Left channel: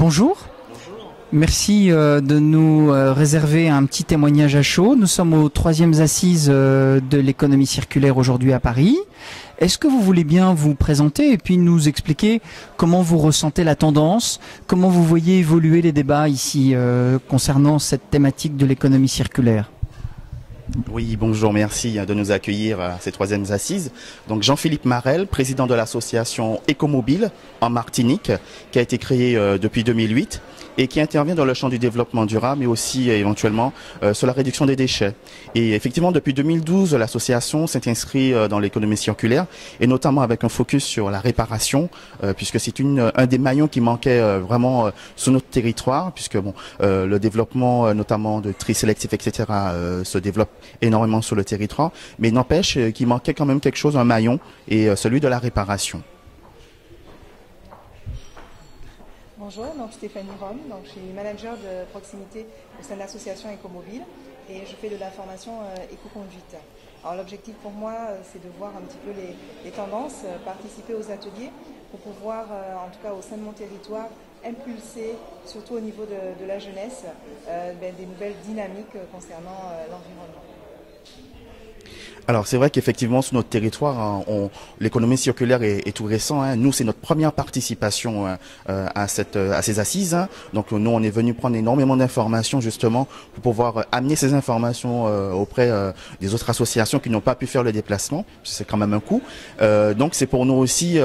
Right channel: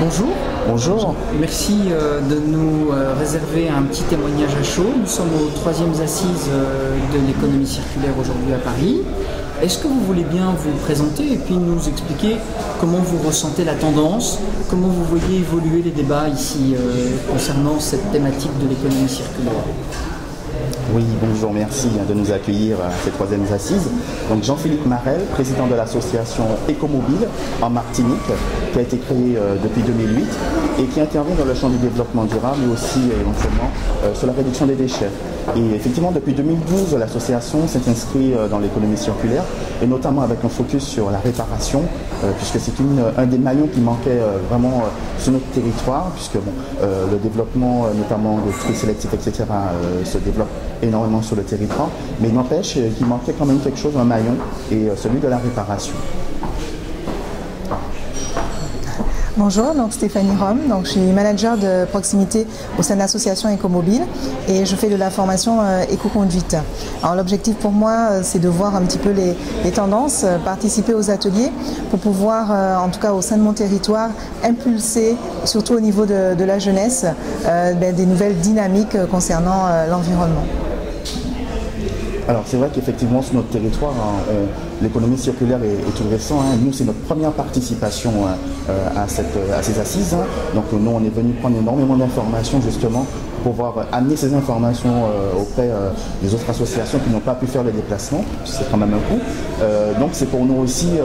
Bonjour. Bonjour. Merci de nous réserver un petit témoignage à chaud. Nous sommes aux 3e assises de l'économie circulaire aujourd'hui à Paris. Est-ce que vous voulez bien vous présenter et puis nous expliquer comment vous ressentez la tendance, comment vous voyez évoluer les débats ici concernant cette thématique de l'économie circulaire? Oui, bonjour, merci de nous accueillir à ces 3e assises. Donc Jean-Philippe Marel, président de l'association Écomobile en Martinique, qui a été créée depuis 2008 et qui intervient dans le champ du développement durable, mais aussi éventuellement sur la réduction des déchets. Et effectivement, depuis 2012, l'association s'est inscrite dans l'économie circulaire, et notamment avec un focus sur la réparation, puisque c'est un des maillons qui manquait vraiment sur notre territoire, puisque le développement notamment de tri sélectif, etc., se développe énormément sur le territoire, mais il n'empêche qu'il manquait quand même quelque chose, un maillon, et celui de la réparation. Bonjour, donc Stéphanie Rome, donc je suis manager de proximité au sein de l'association Écomobile et je fais de la formation éco-conduite. Alors l'objectif pour moi c'est de voir un petit peu les tendances, participer aux ateliers pour pouvoir, en tout cas au sein de mon territoire, impulser, surtout au niveau de la jeunesse, des nouvelles dynamiques concernant l'environnement. Alors c'est vrai qu'effectivement sur notre territoire, l'économie circulaire est tout récent. Nous, c'est notre première participation à ces assises. Donc nous, on est venu prendre énormément d'informations justement pour pouvoir amener ces informations auprès des autres associations qui n'ont pas pu faire le déplacement. C'est quand même un coût. Donc c'est pour nous aussi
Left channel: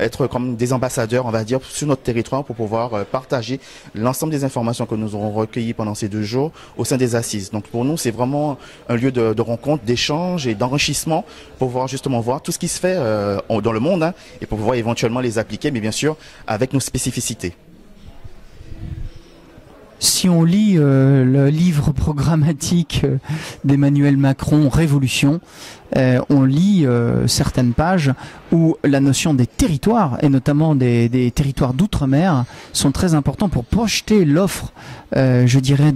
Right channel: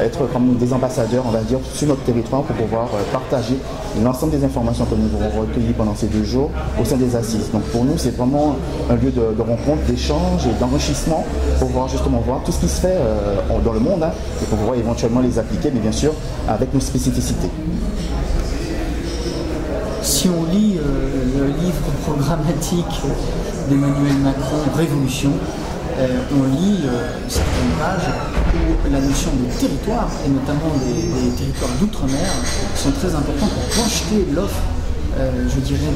être comme des ambassadeurs, on va dire, sur notre territoire pour pouvoir partager l'ensemble des informations que nous aurons recueillies pendant ces 2 jours au sein des assises. Donc pour nous, c'est vraiment un lieu de rencontre, d'échange et d'enrichissement pour pouvoir justement voir tout ce qui se fait dans le monde et pour pouvoir éventuellement les appliquer, mais bien sûr avec nos spécificités. Si on lit le livre programmatique d'Emmanuel Macron, Révolution, on lit certaines pages où la notion des territoires, et notamment des territoires d'outre-mer, sont très importants pour projeter l'offre, je dirais,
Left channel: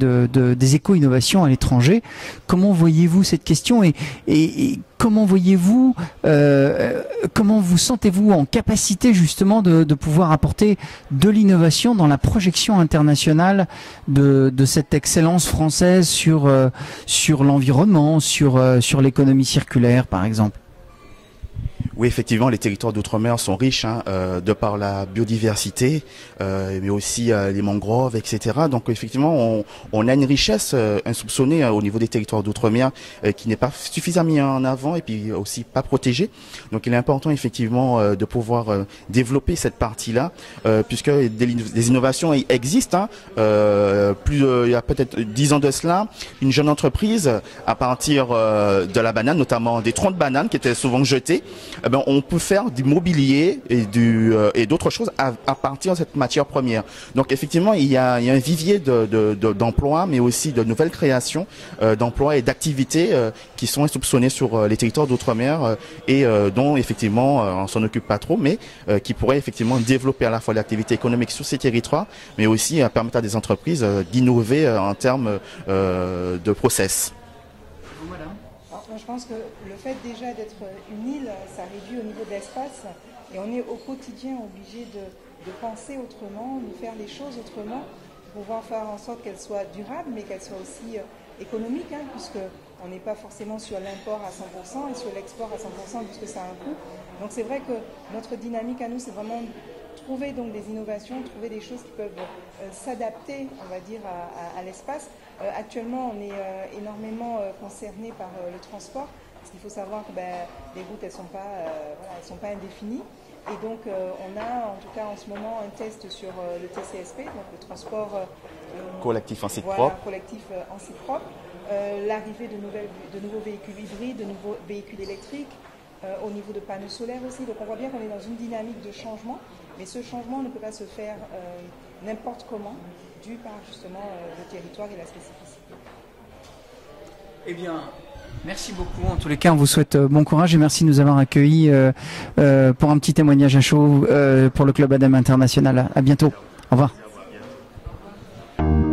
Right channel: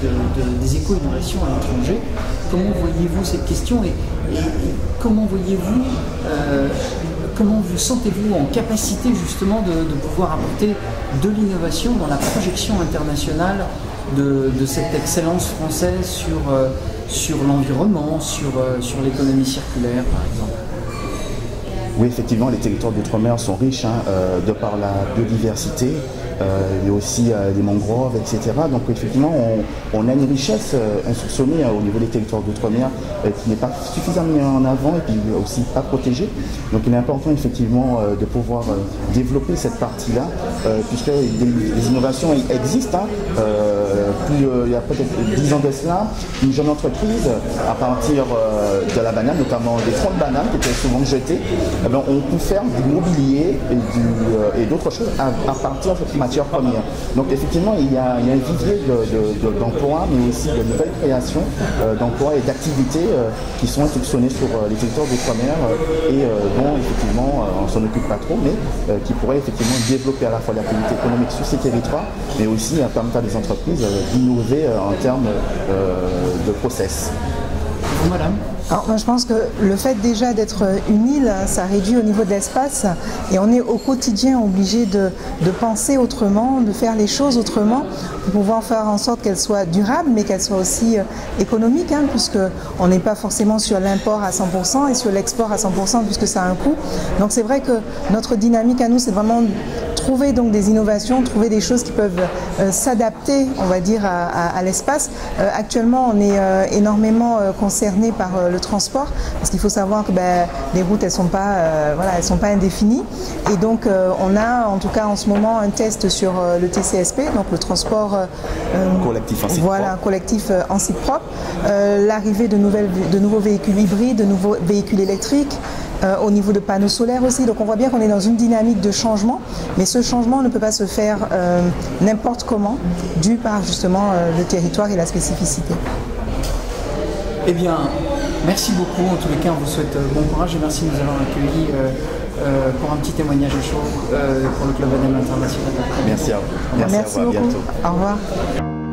des éco-innovations à l'étranger. Comment voyez-vous cette question et comment voyez-vous, comment vous sentez-vous en capacité justement de pouvoir apporter de l'innovation dans la projection internationale de cette excellence française sur l'environnement, sur l'économie circulaire par exemple? Oui, effectivement, les territoires d'outre-mer sont riches de par la biodiversité, mais aussi les mangroves, etc. Donc effectivement, on a une richesse insoupçonnée au niveau des territoires d'outre-mer qui n'est pas suffisamment mise en avant et puis aussi pas protégée. Donc il est important effectivement de pouvoir développer cette partie-là, puisque des innovations existent. Il y a peut-être 10 ans de cela, une jeune entreprise, à partir de la banane, notamment des troncs de banane qui étaient souvent jetés, on peut faire du mobilier et d'autres choses à partir de cette matière première. Donc effectivement, il y a un vivier d'emplois, mais aussi de nouvelles créations d'emplois et d'activités qui sont insoupçonnées sur les territoires d'outre-mer et dont effectivement on ne s'en occupe pas trop, mais qui pourraient effectivement développer à la fois l'activité économique sur ces territoires, mais aussi permettre à des entreprises d'innover en termes de process. Madame. Alors, moi, je pense que le fait déjà d'être une île, ça réduit au niveau de l'espace et on est au quotidien obligé de penser autrement, de faire les choses autrement pour pouvoir faire en sorte qu'elles soient durables mais qu'elles soient aussi économiques, puisque on n'est pas forcément sur l'import à 100% et sur l'export à 100% puisque ça a un coût. Donc c'est vrai que notre dynamique à nous, c'est vraiment trouver donc des innovations, trouver des choses qui peuvent s'adapter, on va dire, à l'espace. Actuellement, on est énormément concerné par le transport, parce qu'il faut savoir que les routes, elles sont pas indéfinies. Et donc, on a en tout cas en ce moment un test sur le TCSP, donc le transport collectif en site propre. Collectif en site propre. L'arrivée de nouveaux véhicules hybrides, de nouveaux véhicules électriques. Au niveau de panneaux solaires aussi, donc on voit bien qu'on est dans une dynamique de changement, mais ce changement ne peut pas se faire n'importe comment, dû par justement le territoire et la spécificité. Eh bien, merci beaucoup. En tous les cas, on vous souhaite bon courage et merci de nous avoir accueillis pour un petit témoignage à chaud pour le Club ADEME International. À bientôt. Merci à vous. Au revoir. Merci beaucoup. Au revoir.